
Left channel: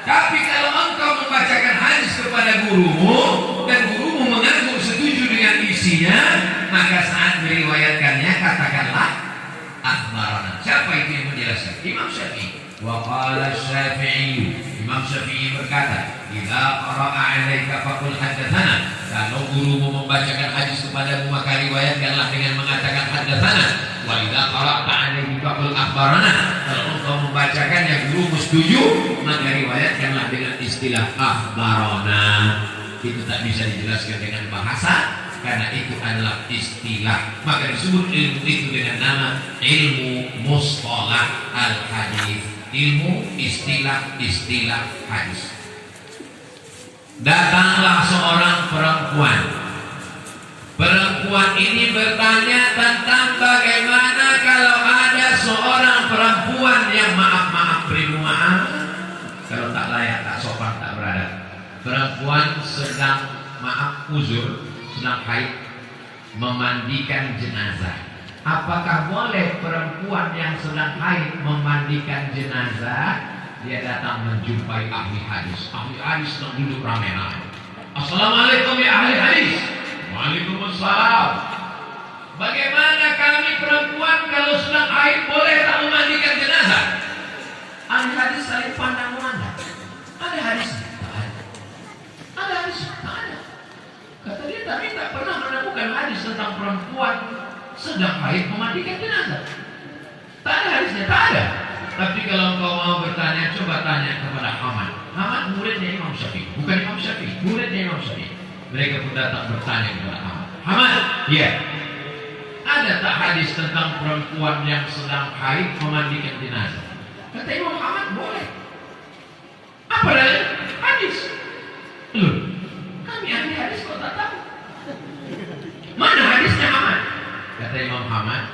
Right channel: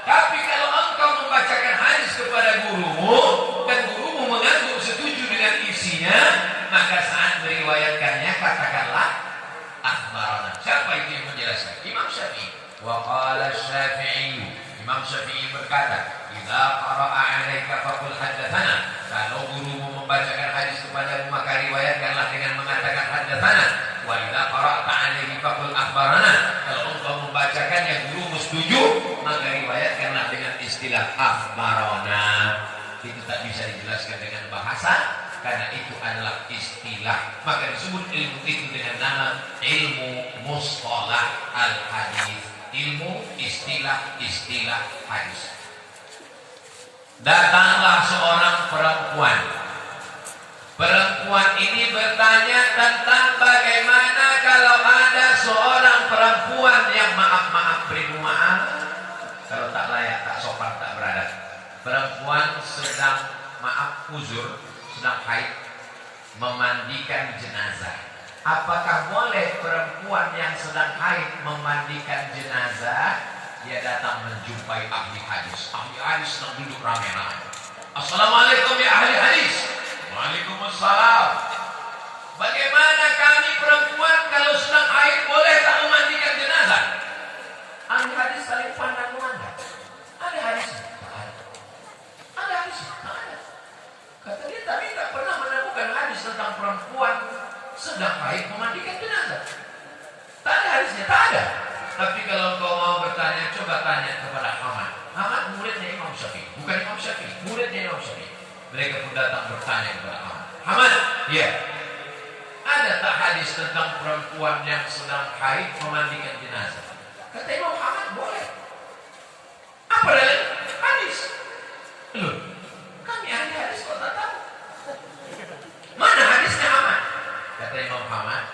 Tapi kalau engkau membacakan hadis kepada gurumu dan gurumu mengaku setuju dengan isi isinya, maka saat meriwayatkannya katakanlah akhbarana. Siapa itu yang menjelaskan? Imam Syafi'i. Wa qala Syafi'i, Imam Syafi'i berkata, idza qara'a 'alaika faqul haddatsana. Kalau gurumu membacakan hadis kepadamu maka riwayatkanlah dengan mengatakan haddatsana. Wa idza qara'ta 'alaika faqul akhbarana. Kalau engkau membacakannya gurumu setuju, maka riwayatkanlah dengan istilah akhbarana. Itu tak bisa dijelaskan dengan bahasa, karena itu adalah istilah. Maka disebut ilmu itu dengan nama ilmu mustalah al-hadis, ilmu istilah hadis. Datanglah seorang perempuan. Perempuan ini bertanya tentang bagaimana kalau ada seorang perempuan yang maaf beri maaf, kalau tak layak, tak sopan, tak beradab. Perempuan sedang uzur, sedang haid, memandikan jenazah. Apakah boleh perempuan yang sedang haid memandikan jenazah? Dia datang menjumpai ahli hadis. Ahli hadis sedang duduk ramai-ramai. Assalamualaikum ya ahli hadis. Waalaikumsalam. Bagaimana kami perempuan kalau sedang haid boleh tak memandikan jenazah? Ahli hadis saling pandang memandang. Ada hadisnya? Tak ada. Ada hadisnya? Tak ada. Kata dia, tapi tak pernah menemukan hadis tentang perempuan sedang haid memandikan jenazah. Tak ada hadisnya, tak ada. Tapi kalau kau mau bertanya, coba tanya kepada Ahmad. Ahmad muridnya Imam Syafi'i, bukan Imam Syafi'i, muridnya Imam Syafi'i. Mereka pun datang bertanya kepada Ahmad. Ahmad, ya, ada tak hadis tentang perempuan yang sedang haid memandikan jenazah? Kata Imam Ahmad, boleh. Apa dalil? Hadis. Loh, kami ahli hadis kok tak tahu. Mana hadisnya Ahmad? Kata Imam Ahmad,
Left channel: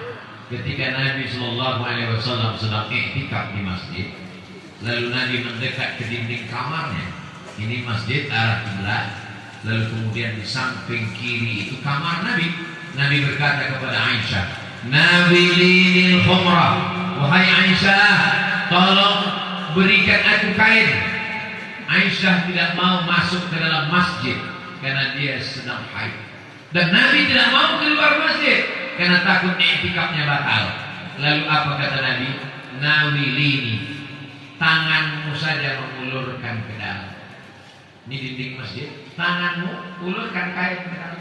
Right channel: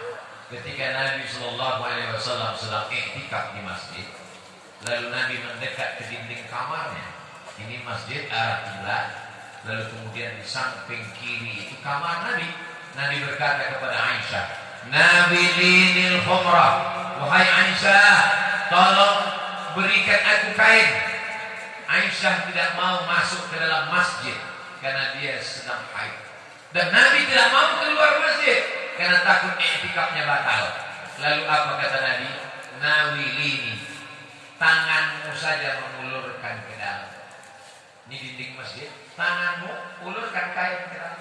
ketika Nabi SAW sedang iktikaf di masjid, lalu Nabi mendekat ke dinding kamarnya. Ini masjid arah kiblat, lalu kemudian di samping kiri itu kamar Nabi. Nabi berkata kepada Aisyah, "Nawilil khumrah." Wahai Aisyah, tolong berikan aku kain. Aisyah tidak mau masuk ke dalam masjid karena dia sedang haid. Dan Nabi tidak mau keluar masjid karena takut iktikafnya batal. Lalu apa kata Nabi? Nawilini, tanganmu saja mengulurkan ke dalam. Ini dinding masjid, tanganmu ulurkan kain ke dalam.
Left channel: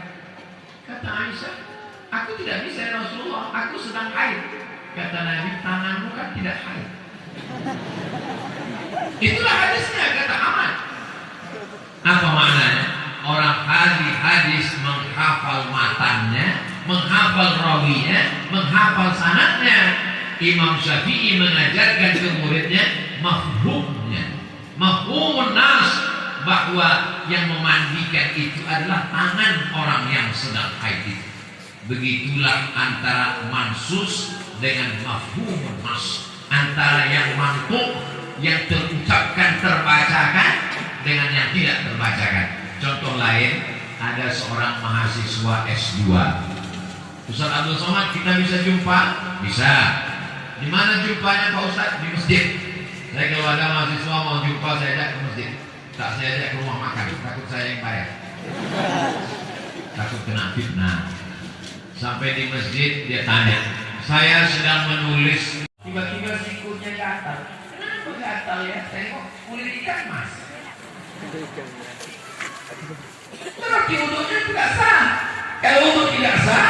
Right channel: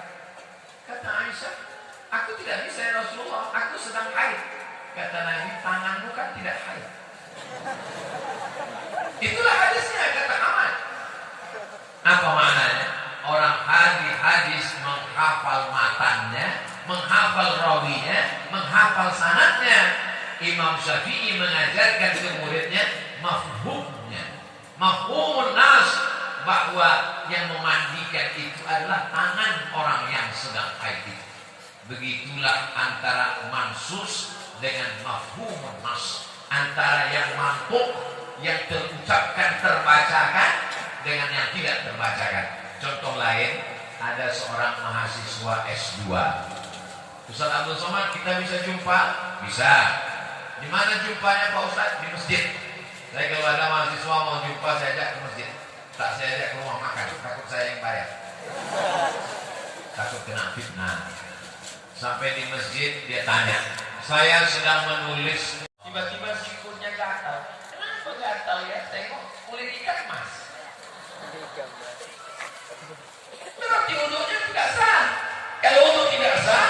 Kata Aisyah, aku tidak bisa ya Rasulullah, aku sedang haid. Kata Nabi, tanganmu kan tidak haid. Itulah hadisnya, kata Ahmad. Apa maknanya? Orang ahli hadis menghafal matannya, menghafal rawinya, menghafal sanadnya. Imam Syafi'i mengajarkan ke muridnya mafhumnya, mafhumun nas, bahwa yang memandikan itu adalah tangan orang yang sedang haid. Begitulah antara mansus dengan mafhumun nas, antara yang mantuk, yang terucapkan, terbacakan, dengan yang tidak terbacakan. Contoh lain, ada seorang mahasiswa S2. Ustaz Abdul Somad kita bisa jumpa? Bisa. Di mana jumpanya Pak Ustaz? Di masjid. Saya kalau ada mahasiswa mau jumpa, saya ajak ke masjid. Tak saya ajak ke rumah makan, takut saya yang bayar. Takut kena fitnah. Sampai di masjid dia tanya, saya sedang menulis. Tiba-tiba sikulnya gatal. Kenapa gatal ya? Tengok kulit ikan mas. Berarti wudhunya tidak sah. Kalau wudhu tidak sah,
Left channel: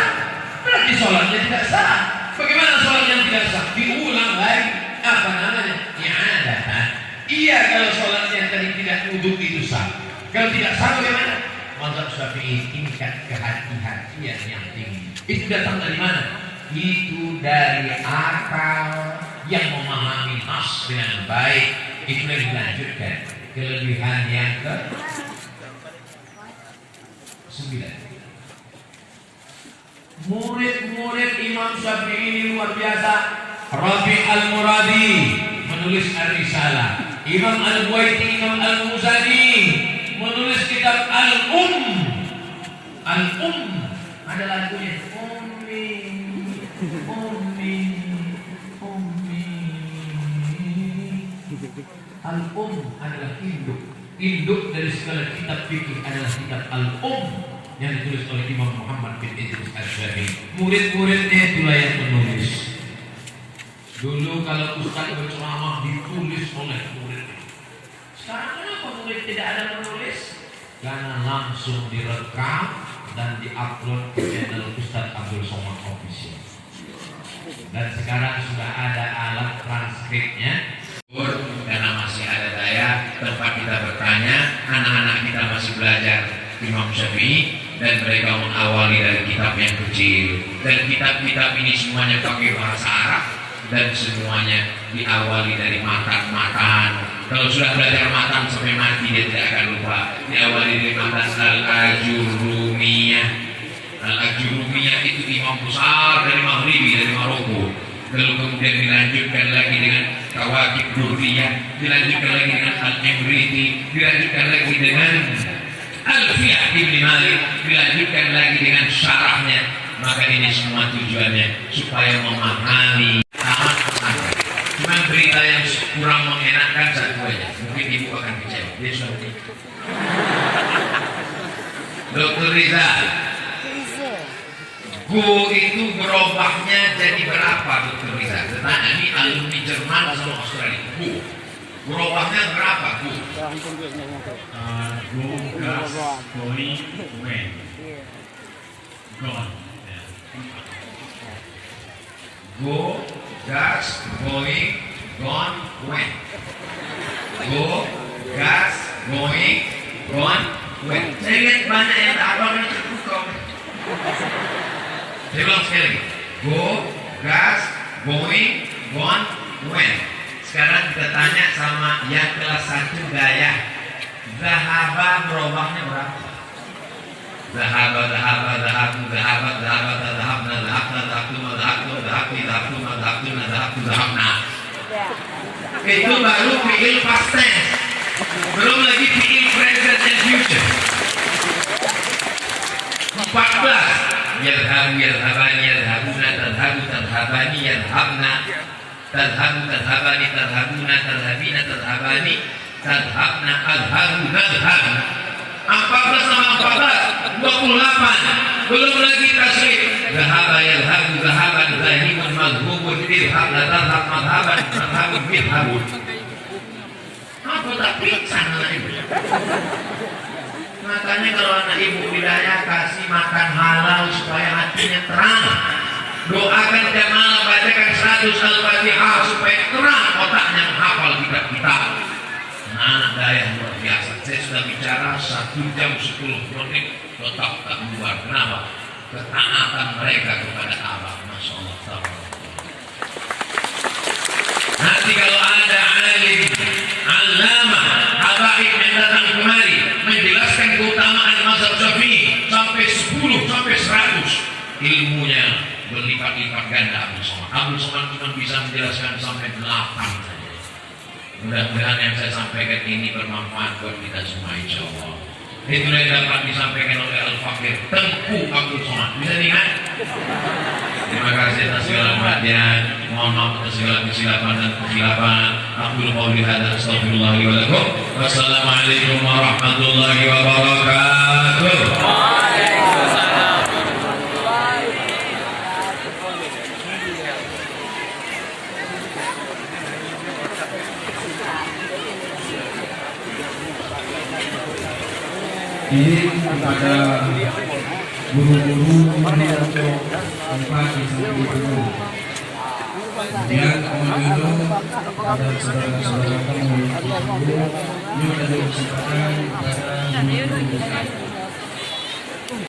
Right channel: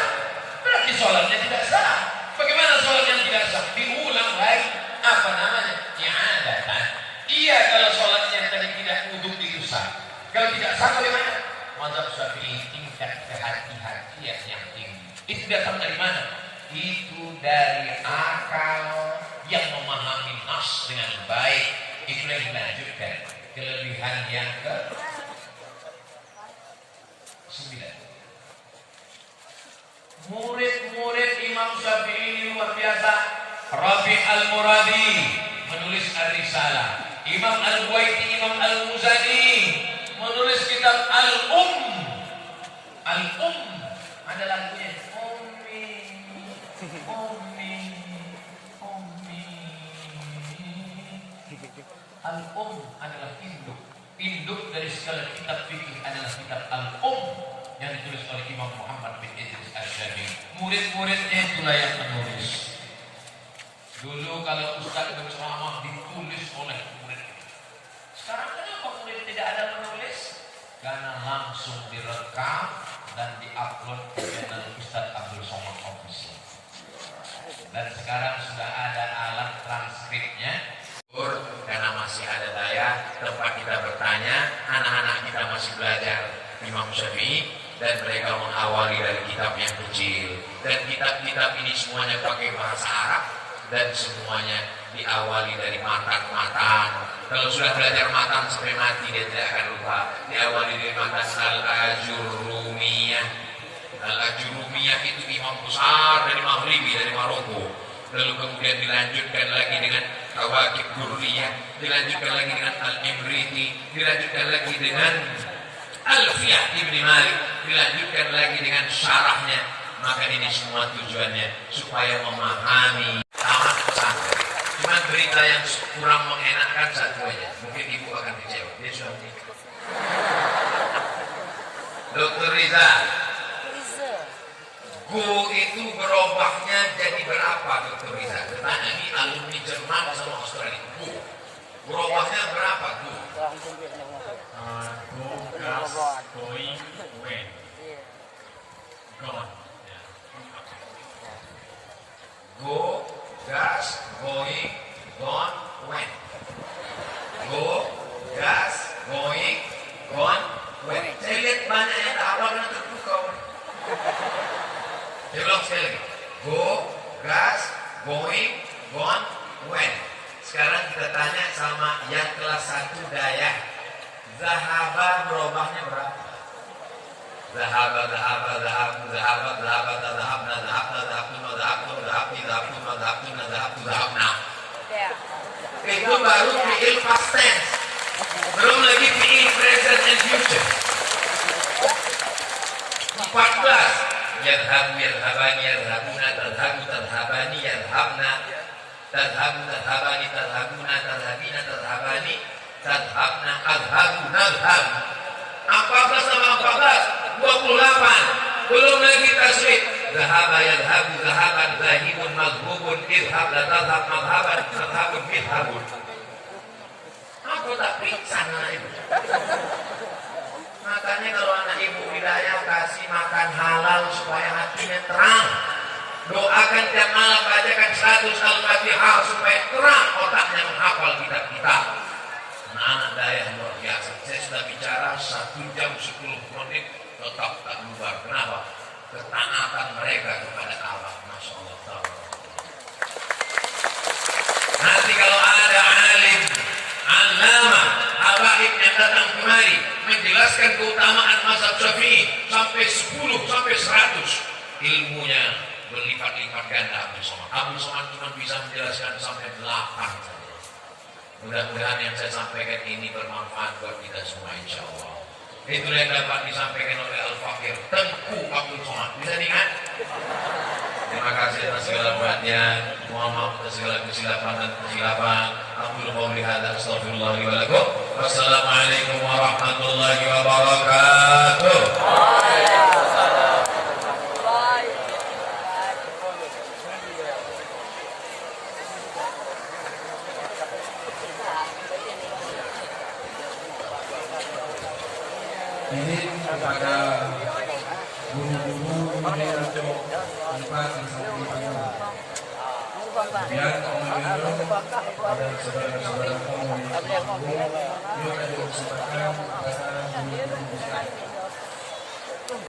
berarti sholatnya tidak sah. Bagaimana sholatnya tidak sah? Diulang lagi. Apa namanya? I'adatan. Iya, kalau sholatnya tadi tidak wudhu itu sah. Kalau tidak sah bagaimana? Mazhab Syafi'i tingkat kehati-hatian yang tinggi. Itu datang dari mana? Itu dari akal yang memahami nas dengan baik. Itu yang dilanjutkan. Kelebihan yang ke 9. Murid-murid Imam Syafi'i ini luar biasa. Rabi' al-Muradi menulis Ar-Risalah. Imam Al-Buaiti, Imam Al-Muzani menulis kitab Al-Umm. Al-Umm ada lagunya. Ummi, Ummi, Ummi. Al-Umm adalah induk. Induk dari segala kitab fikih adalah kitab Al-Umm. yang ditulis oleh Imam Muhammad bin Idris Az-Zamin. Murid-muridnya itulah yang menulis. Dulu kalau ustaz berceramah ditulis oleh murid. Sekarang kenapa murid tidak ada menulis? Karena langsung direkam dan diupload ke channel Ustaz Abdul Somad Official. Dan sekarang sudah ada alat transkripnya. Karena masih ada daya tempat kita bertanya, anak-anak kita masih belajar Imam Syafi'i dan mereka mengawali dari kitab yang kecil. Dan kitab-kitab ini semuanya pakai bahasa Arab dan semuanya diawali dari matan-matan. Kalau sudah belajar matan sampai mati dia tidak akan lupa. Diawali dari matan Al-Ajurumiyah. Al-Ajurumiyah itu imam besar dari Maghribi, dari Maroko. Lalu kemudian dilanjutkan lagi dengan Kawakib Durriyah, dilanjutkan lagi dengan Al-Imriti, dilanjutkan lagi dengan Al-Fiyah Ibn Malik, dilanjutkan lagi dengan syarahnya. Maka ini semua tujuannya supaya memahami amat pesantren. Cuma berita yang kurang mengenakan satu aja, mungkin ibu akan kecewa. Dia sudah Dr. Riza, go itu berubahnya jadi berapa, Dr. Riza? Tanya ini alumni Jerman sama Australia. Go berubahnya berapa, go? Go, gas, going, when. Gone. Go, gas, going, gone, when. Go, gas, going, gone, when. Saya lihat banyak yang tak awalnya terbuka. Saya ulang sekali lagi. Go, gas, going, gone, when. Sekarang kita tanya sama yang kelas 1 daya. Zahaba berubahnya berapa? Zahaba, zahaba, zahabu, zahaba, zahaba, zahabna, zahabna, zahabtuma, zahabtum, zahabti, zahabtuma, zahabtuna, zahabtu, zahabna. Itu baru fi'il past tense. Belum lagi fi'il present and future. 14. Yadhabu, yadhabani, yadhabuna, tadhabu, tadhabani, yadhabna, tadhabu, tadhabani, tadhabuna, tadhabina, tadhabani, tadhabna, adhabu, nadhabu. 14 sama 14, 28. Belum lagi tasrif. Zahaba, yadhabu, zahaban, zahibun, madhubun, idhab, ladhab, madhaban, madhabun, bidhabun. Apa tak pingsan anak ibu? Makanya kalau anak ibu Hidayah kasih makan halal supaya hatinya terang. Doakan tiap malam, bacakan 100 Al-Fatihah supaya terang otaknya menghafal kitab-kitab. Anak daya luar biasa. Saya sudah bicara 1 jam 10 menit tetap tak keluar. Kenapa? Ketaatan mereka kepada Abah. Masya Allah. Nanti kalau ada alim, alama, habaib yang datang kemari menjelaskan keutamaan mazhab Syafi'i sampai 10 sampai 100, ilmunya berlipat-lipat ganda Abdul Somad. Abdul Somad cuma bisa menjelaskan sampai 8 saja. Mudah-mudahan yang saya sampaikan ini bermanfaat buat kita semua, insya Allah. Itulah yang dapat disampaikan oleh Al-Fakir Tengku Abdul Somad. Bisa diingat? Terima kasih atas segala perhatian. Mohon maaf atas segala kesilapan dan kesilapan. Aqulu qouli hadza astaghfirullah li wa lakum. Wassalamualaikum warahmatullahi wabarakatuh. Waalaikumsalam. Ini kepada guru-guru ini untuk tempat di samping kamu. Dan Om dan saudara-saudara kamu yang yuk dari kesempatan kepada guru-guru.